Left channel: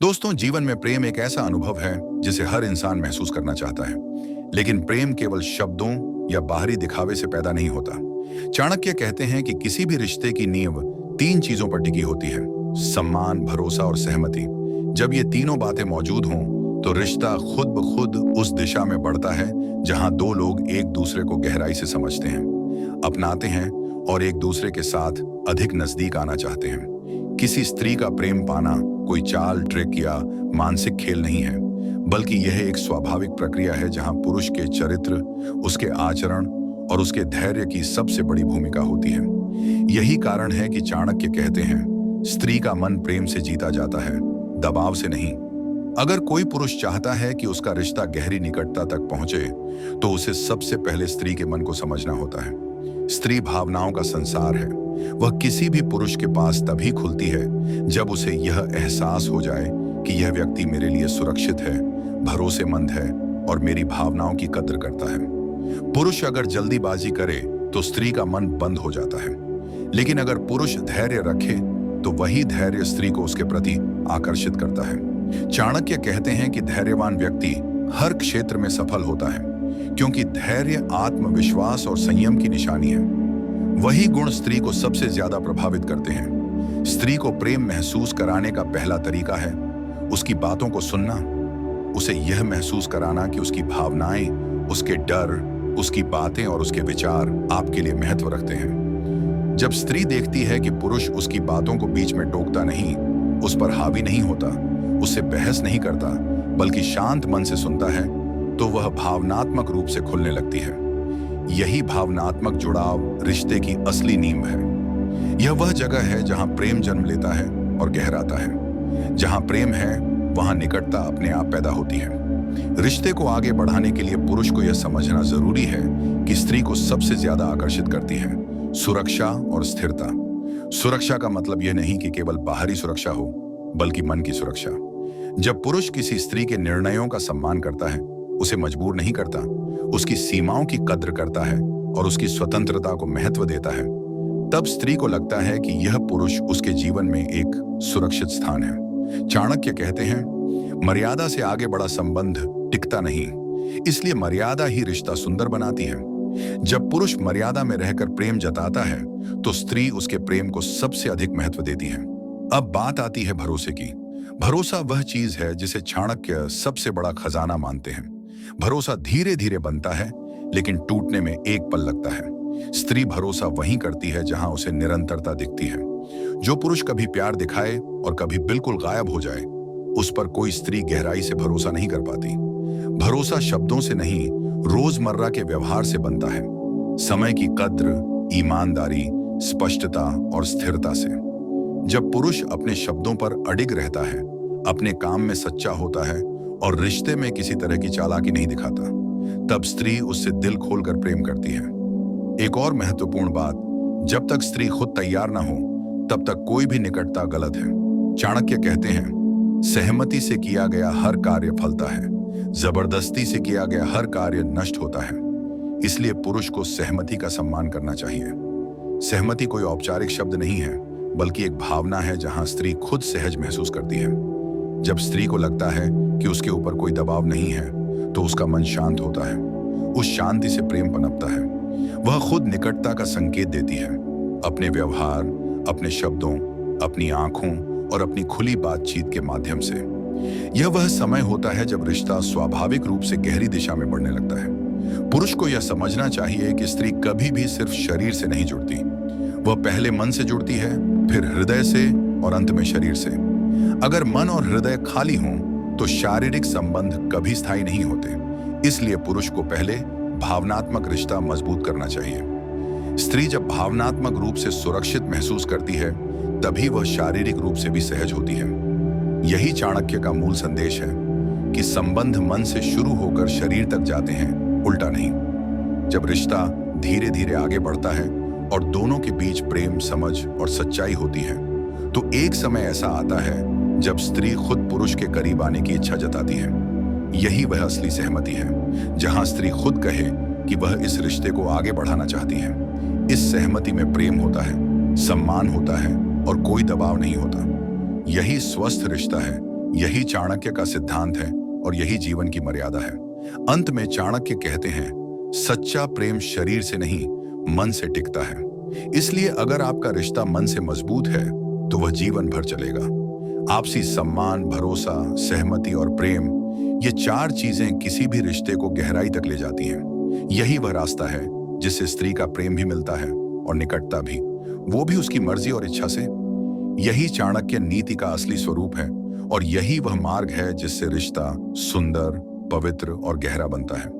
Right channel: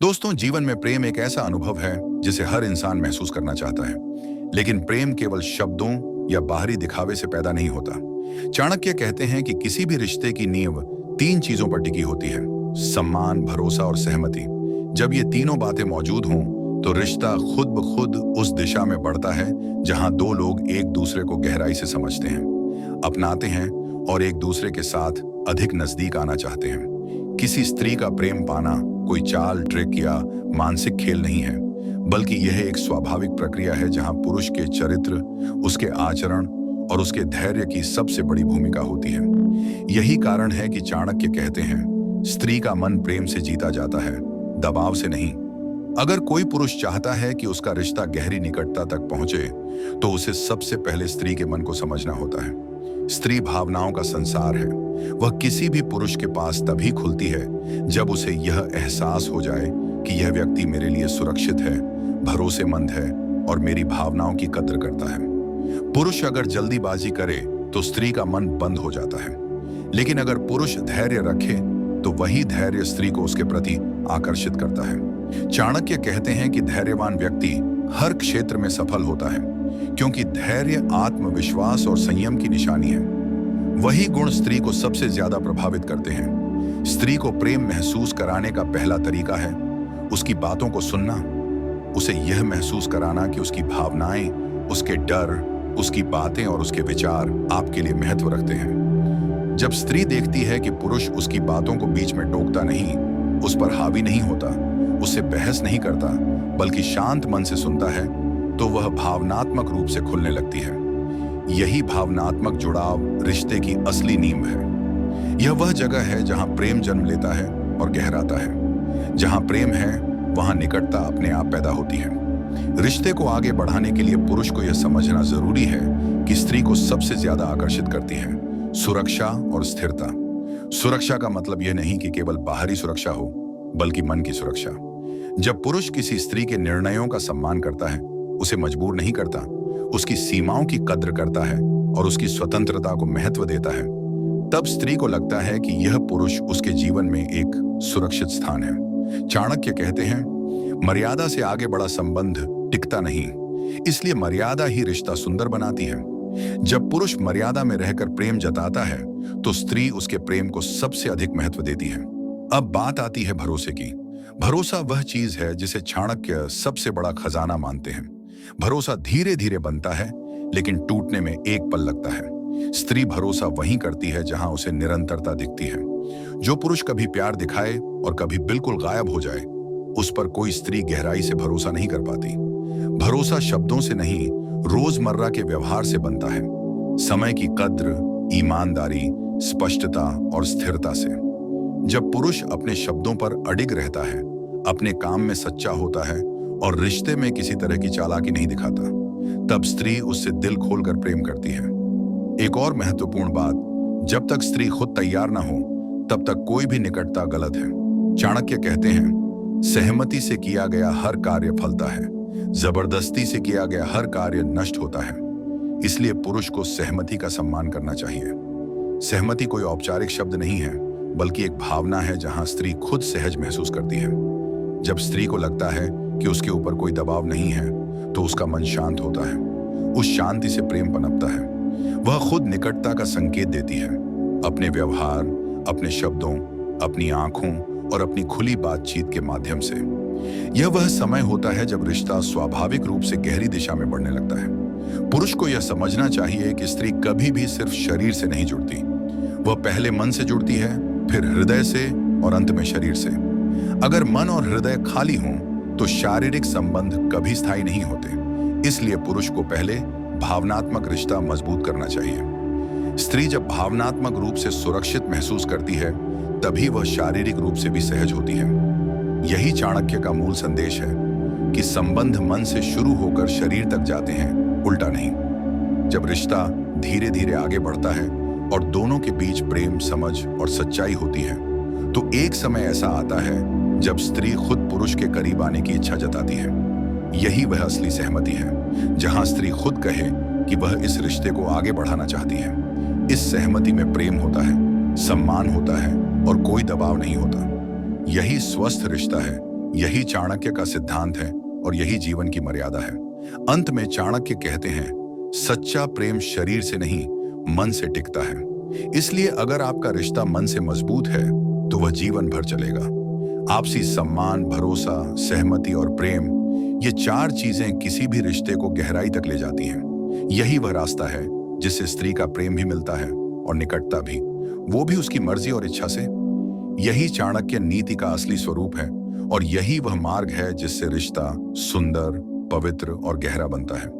दोस्तों, जीवन में प्रेम एक ऐसा अनुभव है जिसे हर इंसान महसूस करना चाहता है। लेकिन प्रेम केवल शब्दों या बाहरी दिखावे से पैदा नहीं होता। चाणक्य कहते हैं कि किसी भी रिश्ते की नींव तीन चीजों पर टिकी होती है: सम्मान, भरोसा और सहमति। जब ये तीनों बातें मौजूद हों तो रिश्ता खुद ब खुद उस दिशा में बढ़ता है जहां दो लोग एक दूसरे को गहराई से समझते हैं, अपनाते हैं और एक दूसरे के साथ अधिक नजदीक आना चाहते हैं। किसी स्त्री का प्रेम पाना कोई चाल, ट्रिक या मानसिक खेल नहीं है, बल्कि यह एक स्वाभाविक प्रक्रिया है जहां पुरुष के चरित्र, उसके आचरण और उसके धैर्य की सबसे बड़ी भूमिका होती है। यही कारण है कि चाणक्य कहते हैं, स्त्री का मन प्रेम से जीता जाता है, दबाव से नहीं। अगर कोई पुरुष चाहता है कि उसका रिश्ता गहरी निकटता तक पहुंचे, तो उसे सबसे पहले स्त्री के मन को समझना होता है। स्त्री भावनाओं का संसार है। वह किसी भी पुरुष के पास तभी खुलती है जब उसे यह एहसास हो जाए कि यह व्यक्ति मेरे लिए सुरक्षित है, भरोसेमंद है और मेरी भावनाओं की कद्र करता है। पुरुष अगर जल्दीबाजी करे तो स्त्री का मन बंद हो जाता है, लेकिन अगर पुरुष धैर्य रखे तो वही धैर्य स्त्री को उसके प्रति आकर्षित करता है। चाणक्य कहते हैं कि धैर्यवान व्यक्ति हर क्षेत्र में सफल होता है, क्योंकि धैर्य आत्मविश्वास और संयम की निशानी है। वही गुण स्त्री को सबसे ज्यादा प्रभावित करते हैं। स्त्री को प्रेम महसूस कराने का पहला तरीका है उसकी बातों को सुनना, उसे यह महसूस कराना कि उसकी भावनाएं, उसके डर, उसकी बातें और उसके विचार आपके लिए महत्व रखते हैं। जब स्त्री देखती है कि पुरुष उसकी बातों को बीच में टोकता नहीं, उस पर हावी नहीं होता, उससे बहस नहीं करता, बल्कि शांत मन से सुनता है, तो वह भावनात्मक रूप से खुलने लगती है। यही भावनात्मक जुड़ाव रिश्ते की असली नींव है। यह वह जगह है जहां प्रेम जन्म लेता है और गहराता है। जहां प्रेम है, वहां निकटता अपने आप पैदा होती है। रिश्ते को आगे बढ़ाने के लिए पुरुष को यह समझना जरूरी है कि स्त्री को सबसे ज्यादा आकर्षित करती है सुरक्षा और स्थिरता। सुरक्षा का मतलब यह नहीं कि केवल बाहरी सुरक्षा हो, बल्कि मन की सुरक्षा। जब पुरुष किसी स्त्री के निर्णयों का सम्मान करता है, उसे मजबूर नहीं करता, उसकी सीमाओं की कद्र करता है और उसकी स्वतंत्रता को महत्व देता है, तब स्त्री को लगता है कि यह पुरुष उसके जीवन में एक सुरक्षित स्थान है। चाणक्य कहते हैं, मर्यादा से आगे बढ़ा संबंध टिकता नहीं, इसलिए मर्यादा ही रिश्ता सुंदर बनाती है। जब पुरुष मर्यादा में रहकर प्रेम जताता है, तो स्त्री उसके प्रेम को सबसे अधिक महत्व देती है। अब बात आती है भरोसे की। भरोसा वह चीज है जिसे चाणक्य सबसे बड़ा खजाना मानते हैं। भरोसा धीरे धीरे बनता है, लेकिन टूटने में एक पल लगता है। स्त्री भरोसा वहीं करती है जहां उसे निरंतरता दिखती है। जो पुरुष कभी प्यार दिखाए और कभी बिल्कुल गायब हो जाए, उस पर कोई स्त्री गहराई से भरोसा नहीं कर पाती। भरोसा शब्दों से नहीं, रोजमर्रा के व्यवहार से बनता है। समय की कद्र, ईमानदारी, स्पष्टता और स्थिरता से। जब पुरुष अपने शब्दों पर अडिग रहता है, अपने काम में सच्चा होता है और रिश्ते में किसी तरह की चालाकी नहीं दिखाता, तब स्त्री उससे दिल खोलकर प्रेम करती है। एक और महत्वपूर्ण बात, जब तक स्त्री खुद तैयार ना हो, तब तक कोई भी निकटता गलत है। चाणक्य कहते हैं, सहमति से किया गया हर कार्य फलता है, जबरदस्ती से किया गया हर कार्य नष्ट होता है। इसलिए पुरुष को सहमति का सम्मान करना चाहिए। सहमति कोई औपचारिक शब्द नहीं है, बल्कि एक भावना है जहां स्त्री खुद सहज महसूस करती है। जब स्त्री को लगता है कि उसके ऊपर कोई दबाव नहीं है, तो उसका मन शांत होता है। उस शांति से प्रेम पनपता है। वह खुद निकटता का संकेत देती है, अपने व्यवहार, अपने शब्दों, अपनी आंखों और अपनी खुली बातचीत के माध्यम से। यह वह समय होता है जब रिश्ता स्वाभाविक रूप से गहरी दिशा में बढ़ने लगता है। पुरुष को यह समझना चाहिए कि स्त्री कभी भी सिर्फ शरीर से नहीं जुड़ती। वह पहले मन से जुड़ती है, फिर हृदय से और अंत में शरीर से। अगर मन और हृदय खाली हों, तो शारीरिक संबंध कभी स्थायी नहीं होते। इसलिए पुरुष को पहले भावनात्मक रिश्ता मजबूत करना चाहिए। स्त्री जब भावनात्मक रूप से सुरक्षित महसूस करती है, तभी वह शारीरिक रूप से भी सहज होती है। यही चाणक्य का मूल संदेश है कि संबंध मन से शुरू होकर शरीर तक जाते हैं, उल्टा नहीं। जब रिश्ता धीरे धीरे आगे बढ़ता है और दोनों के बीच प्रेम, समझ और सच्चाई होती है, तो एक समय ऐसा आता है जब स्त्री खुद पुरुष के करीब आने की इच्छा जताती है। यही वह असली सहमति है, जहां स्त्री खुद कहे कि वह इस रिश्ते को आगे बढ़ाना चाहती है। इस सहमति में प्रेम होता है, सम्मान होता है और कोई दबाव नहीं होता। यही स्वस्थ रिश्ता है, यही चाणक्य का सिद्धांत है और यही जीवन की मर्यादा है। अंत में चाणक्य कहते हैं, सच्चा प्रेम शरीर से नहीं, मन से टिकता है। इसलिए अगर आपका रिश्ता मन से मजबूत है तो वह जीवन भर चलेगा। आपसी सम्मान, भरोसा, सहमति और प्रेम, ये चार चीजें किसी भी रिश्ते को गहराई तक ले जाती हैं। यही वह रास्ता है जिससे स्त्री का प्रेम भी मिलता है और निकटता भी, वो भी उसकी मर्जी और इच्छा से। यही चाणक्य नीति का असली स्वरूप है और यही वह मार्ग है जिससे रिश्ता सुंदर, पवित्र और गहरा बनता है।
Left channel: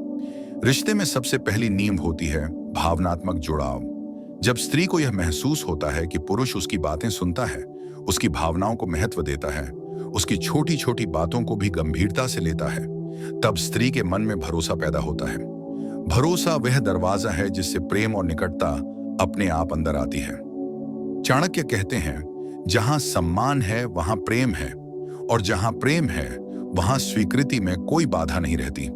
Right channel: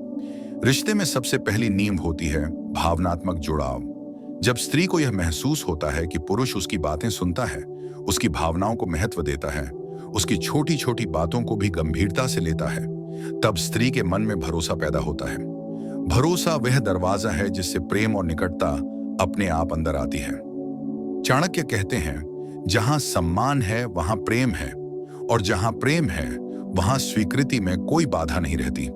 रिश्ते में सबसे पहली नींव होती है भावनात्मक जुड़ाव। जब स्त्री को यह महसूस होता है कि पुरुष उसकी बातें सुनता है, उसकी भावनाओं को महत्व देता है, उसकी छोटी छोटी बातों को भी गंभीरता से लेता है, तब स्त्री के मन में भरोसा पैदा होता है। भरोसा वह दरवाजा है जिससे प्रेम और निकटता अपने आप अंदर आती है। चाणक्य कहते हैं, जहां सम्मान है वहां प्रेम है, और जहां प्रेम है वहां स्वीकृति में कोई बाधा नहीं रहती।